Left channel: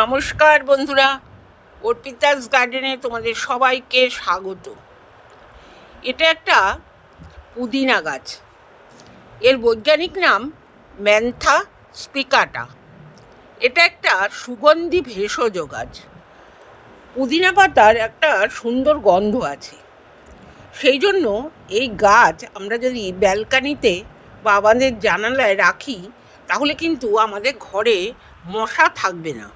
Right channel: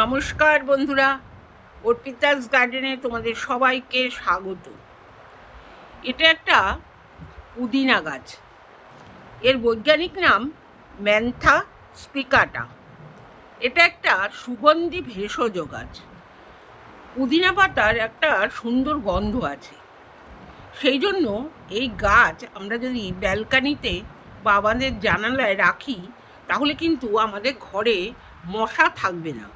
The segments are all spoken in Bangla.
নমস্কার বন্ধুরা, অর্পিতাস গার্ডেনে তোমাদের সবাইকে স্বাগত। এটা একটা পুদিনা গাছ। এর বৈজ্ঞানিক নাম ম্যান্থা স্পিকাটা। এটা একটা সুগন্ধি ভেষজ গাছ। পুদিনা পাতার একটা সুন্দর গন্ধ আছে, সেই জন্য এই গাছ আমরা যদি ব্যালকানিতে বা আমাদের জানালায় রাখি তাহলে কিন্তু আমাদের ঘরে মশা থাকবে না।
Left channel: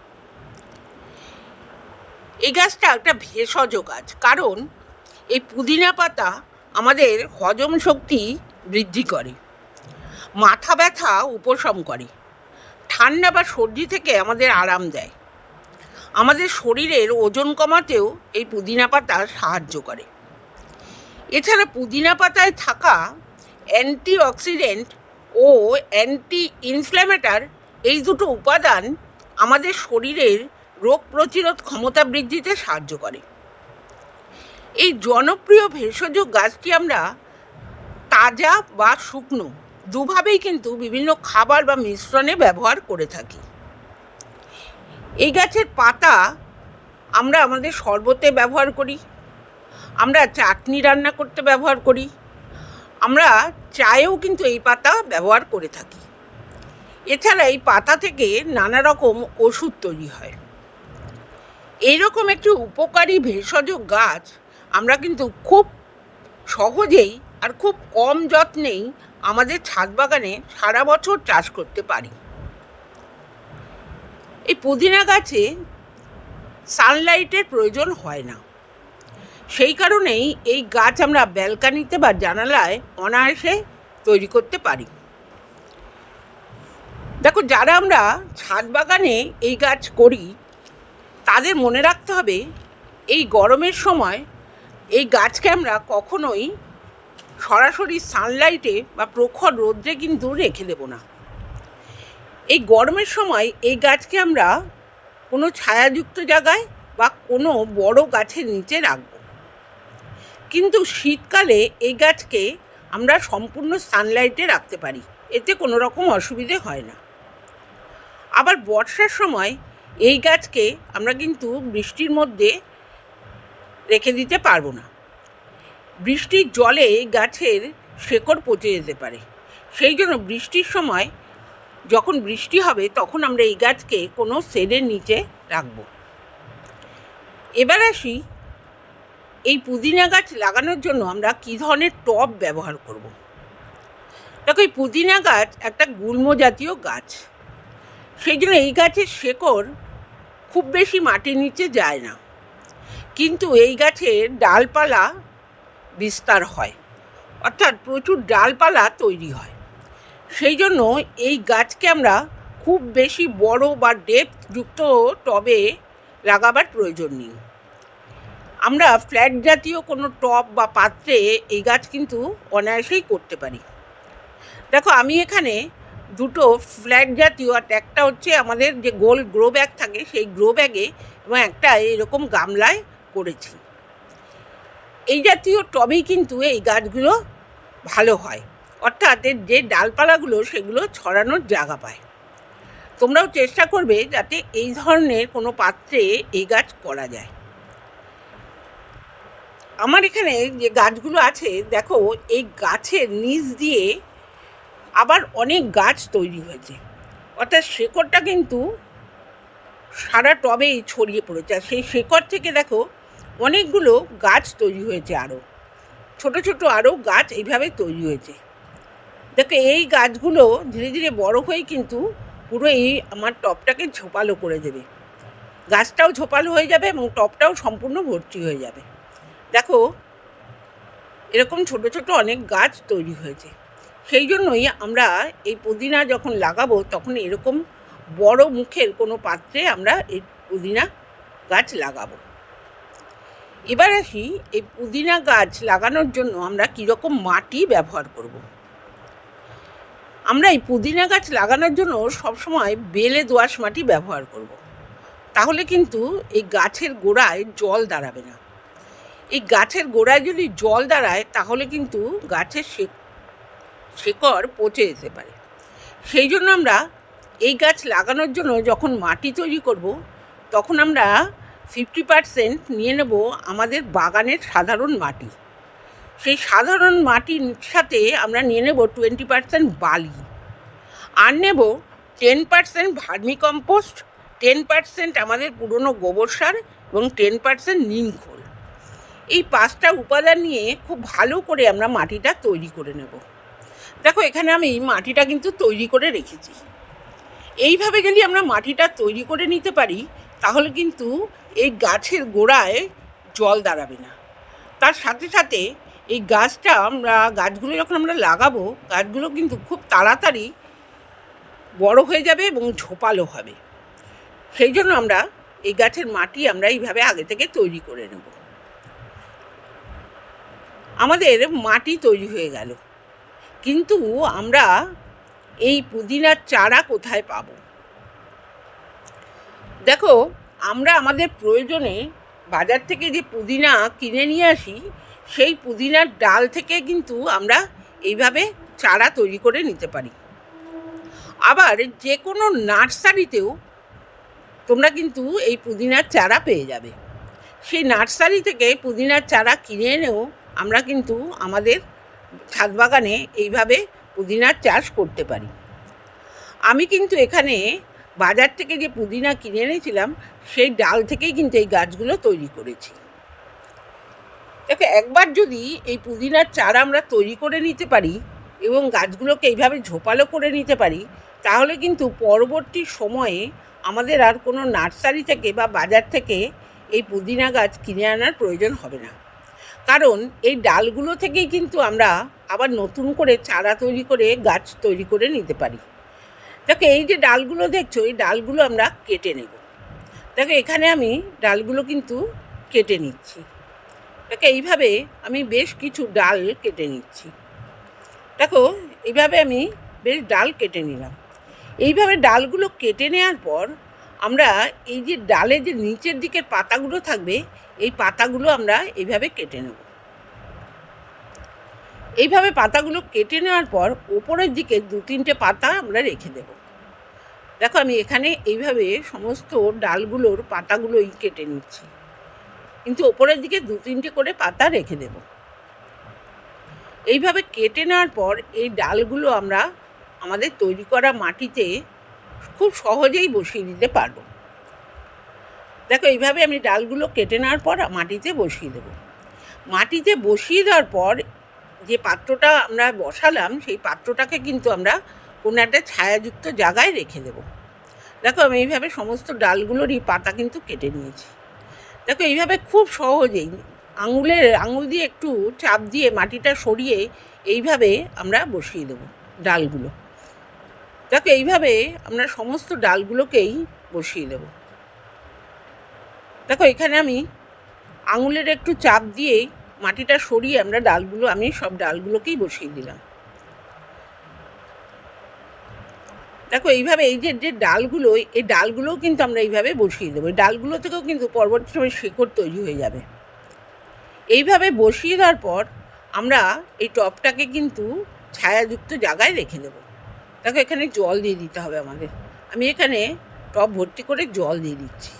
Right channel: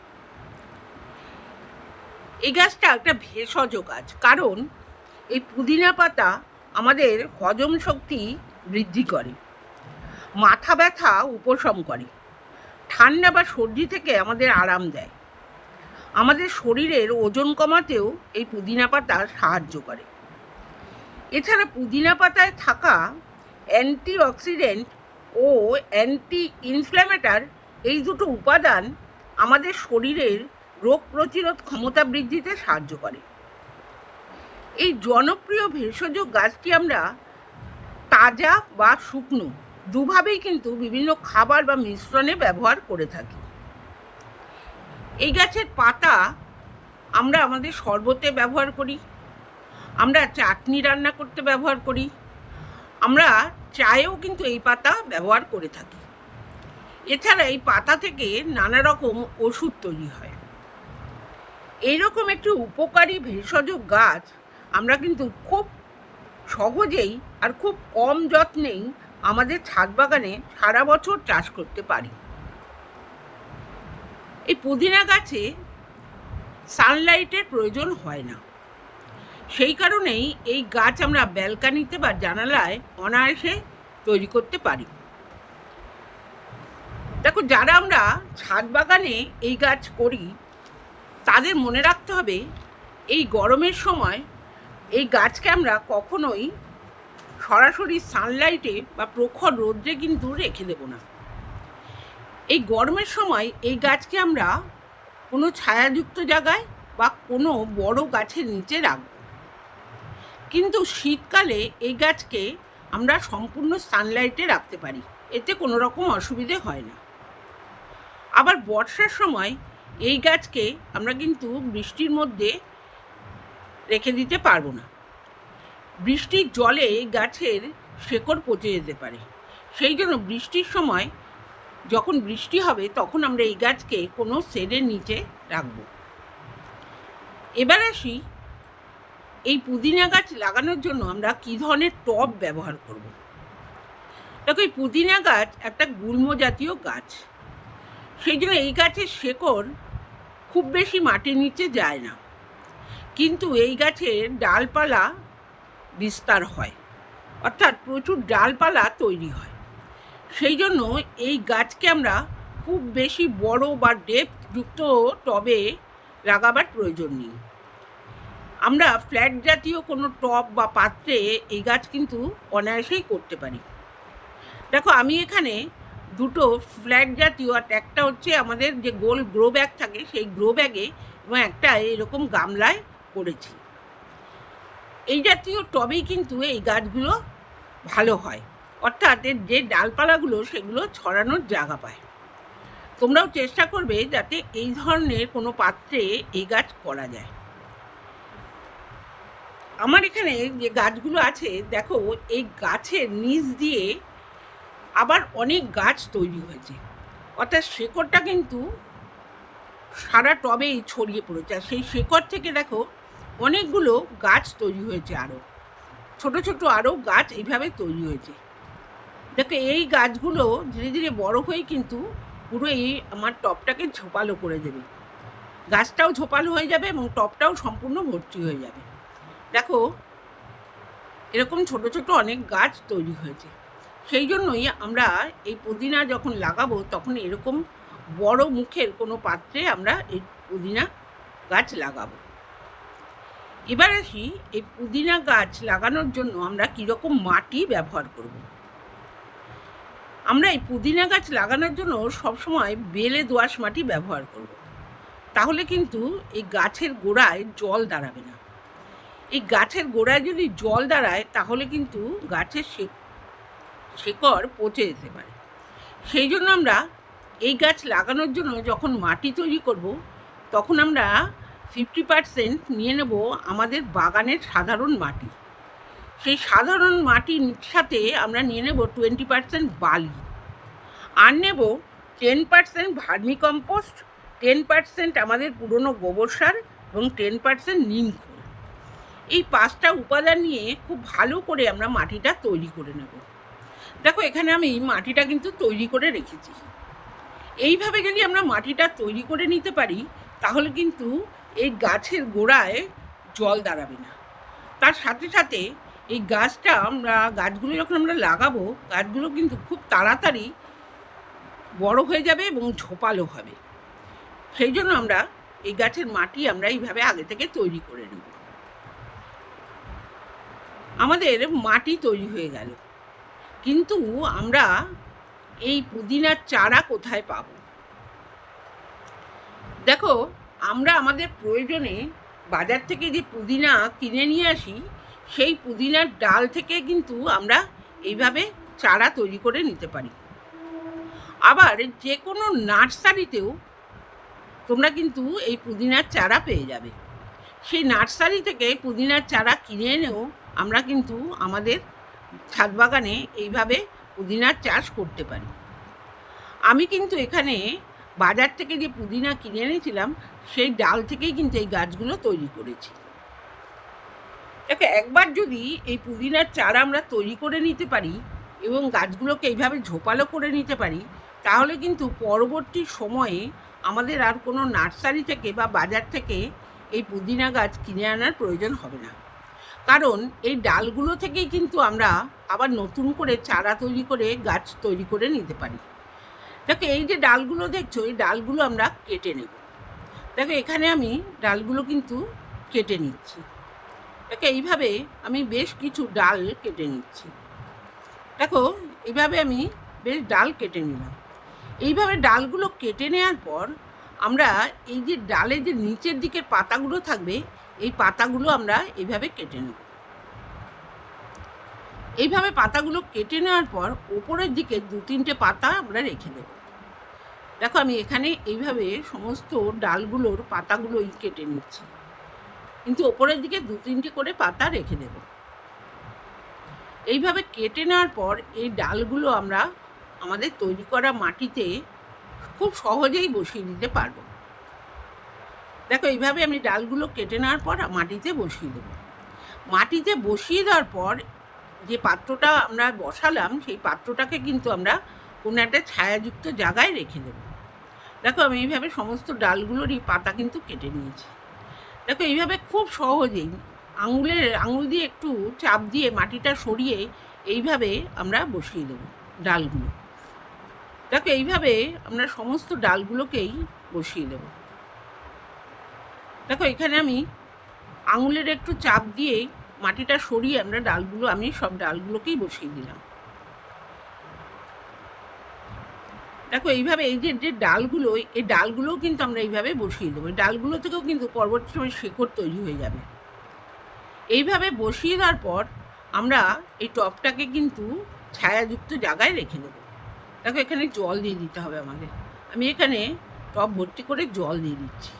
এই গাছটা একটা ভেষজ গাছ, কারণ এই পুদিনা পাতা আমাদের হজম শক্তি বৃদ্ধি করে, মাথা ব্যথা উপশম করে, ঠান্ডা বা সর্দি থেকে আমাদের আরাম দেয়, আমাদের শরীরের ওজন কমাতেও এই পুদিনা পাতা সাহায্য করে। এছাড়া পুদিনা পাতায় থাকা অ্যান্টিঅক্সিডেন্ট ও অ্যান্টি ইনফ্ল্যামেটর এই দুটো উপাদান আমাদের শরীরের রোগ প্রতিরোধ ক্ষমতা বৃদ্ধিতে সাহায্য করে। এই জনপ্রিয় ভেষজ গাছটি আমরা তাজা বা শুকনো দুভাবেই কিন্তু বিভিন্ন খাবার বা মিশ্রণে ব্যবহার করে থাকি। এই গাছের পাতা আমরা আমাদের শরবতে ব্যবহার করি, আমরা চাটনি রান্না করতে ব্যবহার করি, আমরা চায়েও কিন্তু এই পাতা ব্যবহার করে থাকি। এছাড়া এই পাতা থেকে নানা রকম ওষুধ তৈরি হয়। এইরকম একটি উপকারী ভেষজ গাছ আমরা কিন্তু খুব সহজেই আর খুব কম যত্নেই আমাদের ছাদ বাগানে সারা বছর চাষ করতে পারি। এই পুদিনা গাছে সানলাইটের প্রয়োজন হয় না, সেই কারণেই এই গাছ আমরা ব্যালকানিতে বা জানালায় অনায়াসে তৈরি করতে পারি। দেখো, যারা আমরা ছাদ বাগানে এই গাছ করি তাদের মনে রাখতে হবে এই গরমের সময় এই গাছকে আমরা কখনোই সরাসরি সানলাইটে বা প্রখর রোদ্রে কিন্তু রেখে দেব না। এই গরমের সময় এই গাছকে আমরা কোনো ছায়াযুক্ত জায়গায় বা কোনো বড় গাছের নিচে রাখব, কিন্তু শীতকালে এই গাছকে আমরা সম্পূর্ণ সানলাইটে রাখতে পারি, এতে কোনো রকম অসুবিধে হয় না। আবার বর্ষার সময় এই গাছকে আমরা কিন্তু বৃষ্টির মধ্যে রেখে দিতে পারবো না। বৃষ্টির জলে গাছের শেকড় পচে যেতে পারে, সেই জন্য বৃষ্টির সময় যখন বৃষ্টি হবে তখন আমরা এই গাছকে কোনো শেডের নিচে রাখব। এবার আসি এই পুদিনা গাছ লাগানোর জন্য আমরা কী ধরনের টব ব্যবহার করব। দেখো, এই পুদিনা গাছ একটা গুল্ম জাতীয় গাছ, সেই জন্য এই গাছের শেকড় খুব বেশি মাটির নিচে যায় না, কিন্তু এই গাছের ডালপালা বিস্তার হয়, অর্থাৎ প্রচুর ডালপালা তৈরি হয়। সেই জন্য এই গাছকে আমরা খুব বেশি বড় বা ডেপথযুক্ত টবে লাগাবার প্রয়োজন নেই। আমরা ফ্ল্যাট জাতীয় কোনো টব বা পাত্রে এই গাছ কিন্তু অনায়াসেই করতে পারি। দেখো, আমি এখানে দুটো ফ্ল্যাট জাতীয়, আর একটা হচ্ছে আমাদের যে গোল গ্রো ব্যাগ থাকে সেই গ্রো ব্যাগে, এবং একটা এরকম গামলায় করেছি। এই জাতীয় টবেই কিন্তু এই গাছগুলো ভালো হয়, অর্থাৎ এর যে ডালপালাগুলো সেগুলো ছড়ানোর জায়গা পায়। তোমরাও চেষ্টা করবে যাতে এই ধরনের কোনো পাত্রে এই গাছ করা যায়। আমার এখানে যে গাছগুলো আছে, দেখো, এই গাছের নিচ দিয়ে আবার অনেক গাছ তৈরি হয়েছে, অর্থাৎ শেকড়টা কিন্তু সারা টবেই ছড়িয়ে পড়েছে। আর সেই শেকড় থেকে দেখো অনেকগুলো গাছ তৈরি হয়েছে, আরও ছোট ছোট আরও গাছ এইভাবে তৈরি হয়েছে। দেখো, এই গাছগুলো ধীরে ধীরে বড় হয়ে কিন্তু পুরো এই আমার টবটাকে ঝোপালো করে দেবে। গাছটাও ঝোপালো হয়ে যাবে এবং টবটাও সম্পূর্ণ ভর্তি হয়ে যাবে। দেখো, এরকম ছোট ছোট অনেক গাছ তৈরি হয়েছে। সেই জন্যই আমরা এই পুদিনা যখন লাগাবো তখন এরকম বড় মুখের কোনো পাত্রে আমরা এই পুদিনা গাছ লাগাবো। এবার আসি এই পুদিনা গাছ লাগানোর জন্য আমরা কীরকম মাটি ব্যবহার করব। আমরা এই পুদিনা গাছ লাগানোর জন্য সবসময় বেলে দোআঁশ মাটি ব্যবহার করব, তাহলে কিন্তু এই গাছের গোড়ায় জল দাঁড়াবে না। এই গাছের গোড়ায় যদি জল দাঁড়ায় তাহলে কিন্তু গাছের শেকড় পচে যেতে পারে। সেই জন্য আমরা এই গাছ লাগানোর জন্য যখন মাটি তৈরি করব তখন আমরা 50% নিয়ে নেব আমাদের বাগানের সাধারণ মাটি। সেই সাধারণ মাটির সাথে আমরা নিয়ে নেব 20% বালি, আর নেব 10% ভার্মিকম্পোস্ট, 10% আমাদের পুরনো গোবর সার এবং 10% নিম খোল। এই 5টা উপাদান নিয়ে খুব ভালো করে আমরা মাটিটা তৈরি করে নেব। দেখো এখানে আমি মাটিটা কিন্তু তৈরি করে রেখেছি। এইভাবে যদি আমরা মাটিটা তৈরি করে নিতে পারি তাহলে কিন্তু এই গাছের গোড়ায় জল দাঁড়াবে না। তার সাথে সাথে এই গাছগুলো যখন আমরা লাগাবো, গাছগুলো কিন্তু খুব তাড়াতাড়ি বড় হয়ে যাবে এবং ঝোপালো হবে। সেই জন্য আমরা এই গাছের মাটি আমরা এইভাবে আগে থেকে তৈরি করে নেব। আমাদের মাটি তৈরি হয়ে গেল, কিন্তু আমরা এই পুদিনার চারা কোথায় পাবো? দেখো, আমরা আমাদের প্রয়োজনে বাজার থেকে যে পুদিনা কিনে নিয়ে আসি, সেই পুদিনার ডাল থেকে কিন্তু আমরা এইভাবে চারা তৈরি করে নিতে পারি। আবার যে কোনো নার্সারিতেও তোমরা কিন্তু এই পুদিনার চারা পেয়ে যাবে। সেই নার্সারি থেকে পুদিনার চারা কিনে এনেও আমরা কিন্তু আমাদের ছাদ বাগানে এইভাবে পুদিনার চাষ করতে পারি। আমি কিন্তু এখানে বাজার থেকে যে পুদিনা কিনে এনেছিলাম সেই ডাল থেকেই কিন্তু এই গাছগুলো তৈরি করেছি। দেখো, একবার যদি এই পুদিনার চারা আমরা তৈরি করে নিতে পারি এবং গাছগুলোকে এইভাবে ঝোপালো করে নিতে পারি, তাহলে কিন্তু পরবর্তী সময়ে আমাদের আর কোনো নার্সারি থেকে বা বাজার থেকে এই পুদিনা গাছ কিনে আনার প্রয়োজন হবে না। কারণ এই ডালগুলো থেকেই কিন্তু আমরা আবার নতুন করে চারা তৈরি করে গাছ তৈরি করে নিতে পারি। দেখো, এই যে ডালগুলো দেখছো, এই ডালগুলো আমরা কেটে নেব। দেখো, এখানে আমি ডালগুলো কিন্তু কেটে নিচ্ছি। দেখো, এইভাবে আমি বেশ কিছু ডাল কেটে নিচ্ছি। দেখো, এইভাবে আমি বেশ ডাল কেটে নিলাম। এইভাবে ডালগুলো কেটে নেওয়ার পর আমরা এই যে ডালের যে নিচের দিকের পাতাগুলো থাকবে, এই পাতাগুলো আমরা এইভাবে কেটে নেব। এইভাবে পাতাগুলো কেটে নেওয়ার পর ওপরের দিকে 2-3টে পাতা আমরা রেখে দেব। দেখো, আমি এখানে এইভাবে সমস্ত ডালগুলোর পাতাগুলোই কেটে নিচ্ছি, কিন্তু ওপরের দিকে 2-3টে করে পাতা রেখে দেব। এইভাবে কেটে নেওয়ার পর এই ডালগুলো আমরা আমাদের তৈরি করা মাটিতে খুব সহজেই বসিয়ে দিতে পারবো। দেখো, এইভাবে আমি ডালগুলো কেটে নেওয়ার পর মাটিতে বসিয়ে দেব। মাটিতে বসিয়ে দেওয়ার পর যে পাত্রটা আমরা বসালাম, সেই পাত্রটাকে কিন্তু আমরা কোনো একটা ছায়াযুক্ত জায়গায় রেখে দেব। দেখো, আমি এইভাবে সমস্ত ডালগুলোরই পাতা কিন্তু কেটে নিয়েছি। দেখো, এইভাবে খুব সহজেই আঙুল দিয়ে একটু চাপ দিয়ে মাটিটা সরিয়ে এইভাবে আমরা বসিয়ে দেব ডালগুলো। দেখো, এইভাবে আমরা সমস্ত ডালগুলোকেই বসিয়ে দেব। দেখো, এখানে আমি আঙুলের একটু চাপ দিয়ে মাটিটা সরিয়ে আমি সব ডালগুলোকেই বসিয়ে দিলাম। দেখো, এইভাবে এই যে ডালগুলো, এই ডালগুলোও কিন্তু আমরা এইভাবে বসিয়ে দেবো। এই ডালগুলো থেকেও কিন্তু পরবর্তী সময় শিকড় তৈরি হয়ে যাবে। এইভাবে বসিয়ে দেওয়ার পর আমরা এই টবটাকে কিন্তু ছায়াযুক্ত জায়গায় রেখে দেবো। দেখো, এখানে জল দিয়ে দিতে হবে আমাদের। আমি এখানে টব ভর্তি করে জল দিয়ে দিচ্ছি।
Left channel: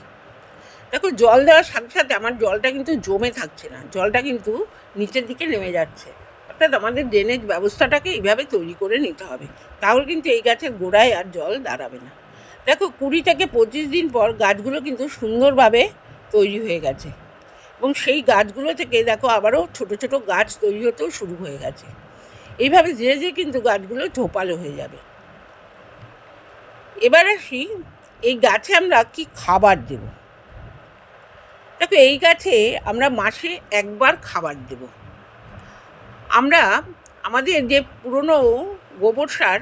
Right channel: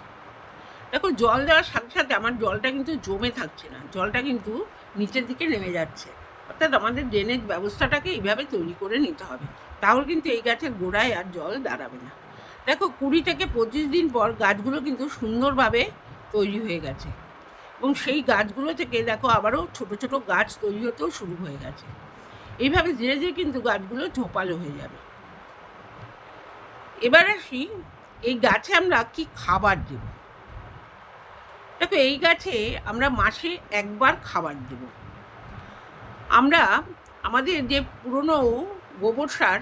দেখো, জল দেওয়ার সাথে সাথে আমার জলটা কিন্তু জমে থাকছে না, জলটা কিন্তু নিচের দিকে নেমে যাচ্ছে। অর্থাৎ আমাদের ড্রেনেজ ব্যবস্থাটাকে এইভাবে তৈরি করে নিতে হবে, তাহলে কিন্তু এই গাছের গোড়ায় আর জল দাঁড়াবে না। দেখো, 20 থেকে 25 দিন পর গাছগুলো কিন্তু সুন্দরভাবে তৈরি হয়ে গেছে এবং সেই গাছগুলো থেকে দেখো আবারও ছোট ছোট গাছ তৈরি হতেও শুরু হয়ে গেছে। এইভাবে ধীরে ধীরে কিন্তু গাছগুলো ঝোপালো হয়ে যাবে। এবার আসি, এই গাছে আমরা কি খাবার দেব। দেখো, এই গাছে আমরা মাসে একবার খাবার দেব। আমরা আমাদের যে পুরনো গোবর সার,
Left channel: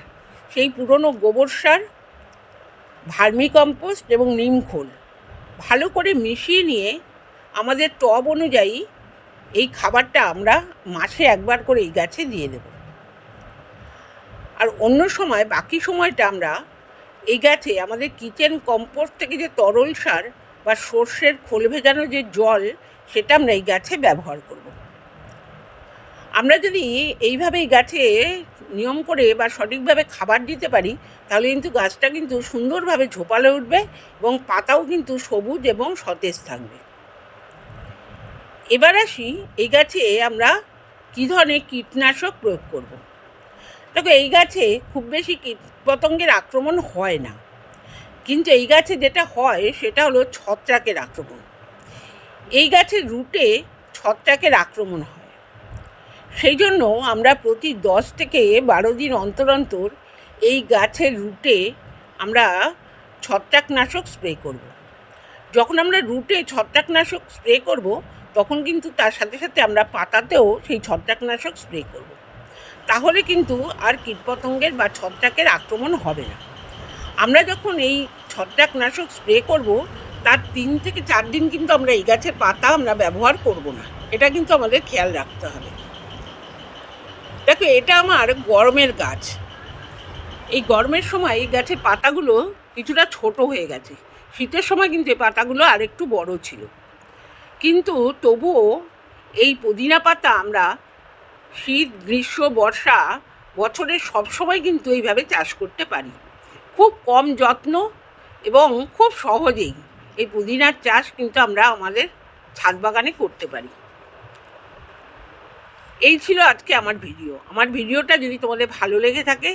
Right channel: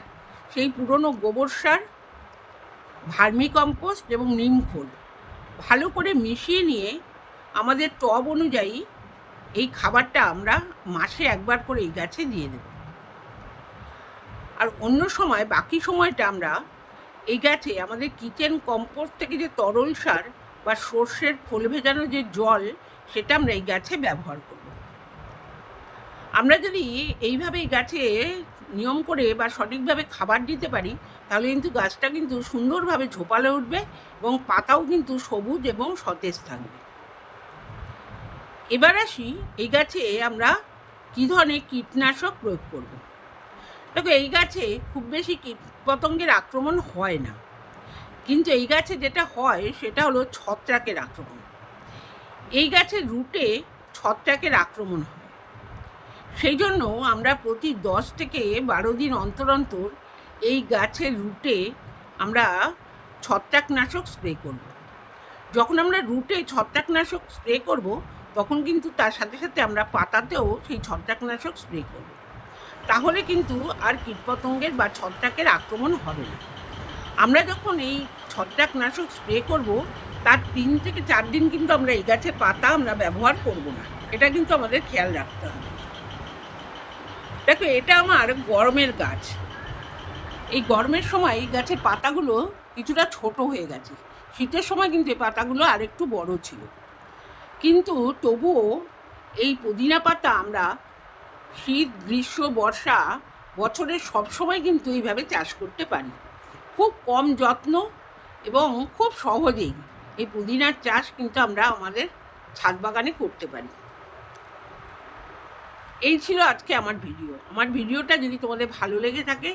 সেই পুরনো গোবর সার, ভার্মিকম্পোস্ট এবং নিম খোল ভালো করে মিশিয়ে নিয়ে আমাদের টব অনুযায়ী এই খাবারটা আমরা মাসে একবার করে এই গাছে দিয়ে দেব। আর অন্য সময়, বাকি সময়টা আমরা এই গাছে আমাদের কিচেন কম্পোস্ট থেকে যে তরল সার বা সর্ষের খোল ভেজানো যে জল, সেটা আমরা এই গাছে ব্যবহার করব। আমরা যদি এইভাবে এই গাছে নিয়ম করে বা সঠিকভাবে খাবার দিতে পারি, তাহলে কিন্তু গাছটা কিন্তু সুন্দরভাবে ঝোপালে উঠবে এবং পাতাও কিন্তু সবুজ এবং সতেজ থাকবে। এবার আসি এই গাছে আমরা কী ধরনের কীটনাশক প্রয়োগ করব। দেখো, এই গাছে খুব বেশি কীটপতঙ্গের আক্রমণ হয় না, কিন্তু এই গাছে যেটা হয় সেটা হলো ছত্রাকের আক্রমণ। এই গাছের রুটে ছত্রাকের আক্রমণ হয়। সেই জন্য আমরা প্রতি 10 থেকে 12 দিন অন্তর অন্তর এই গাছের রুটে আমরা ছত্রাকনাশক স্প্রে করব। যখন আমরা রুটে ছত্রাকনাশক স্প্রে করব, তখন কিন্তু তার সাথে সাথে আমরা পাতাতেও সেই ছত্রাকনাশক স্প্রে করব। তাহলে কিন্তু আর কীটপতঙ্গের বা ছত্রাকের আক্রমণ হবে না। আমরা যখন এই ছত্রাকনাশক স্প্রে করব, তার 3 থেকে 4 দিন কিন্তু আমরা এই গাছের পাতা আমরা ব্যবহার করব না। এটা কিন্তু আমাদের খেয়াল রাখতে হবে। দেখো, এটা আমার গরমের গাছ। এই গরমের সময় এই গাছের পাতাগুলো কিছুটা ছোট হয়ে গেছে। শীতের সময় কিন্তু এই পাতাগুলো আরেকটু বড় ছিল। কিন্তু তবুও এই পুদিনা পাতা আমরা শীত, গ্রীষ্ম, বর্ষা বছরের সব সময় কিন্তু এইভাবে চাষ করতে পারি। খুব কম যত্ন এবং খুব সহজেই এই পুদিনার চাষ কিন্তু আমরা আমাদের ছাদ বাগানে করতে পারি। এই ছিল আজকে আমার ভিডিও। আমার ভিডিওটা যদি তোমাদের ভালো লেগে থাকে,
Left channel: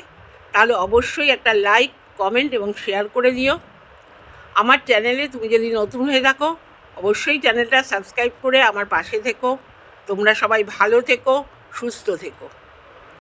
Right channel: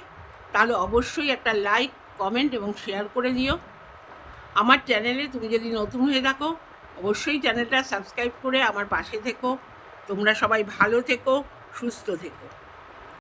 তাহলে অবশ্যই একটা লাইক, কমেন্ট এবং শেয়ার করে দিও। আমার চ্যানেলে তুমি যদি নতুন হয়ে থাকো, অবশ্যই চ্যানেলটা সাবস্ক্রাইব করে আমার পাশে থেকো। তোমরা সবাই ভালো থেকো, সুস্থ থেকো।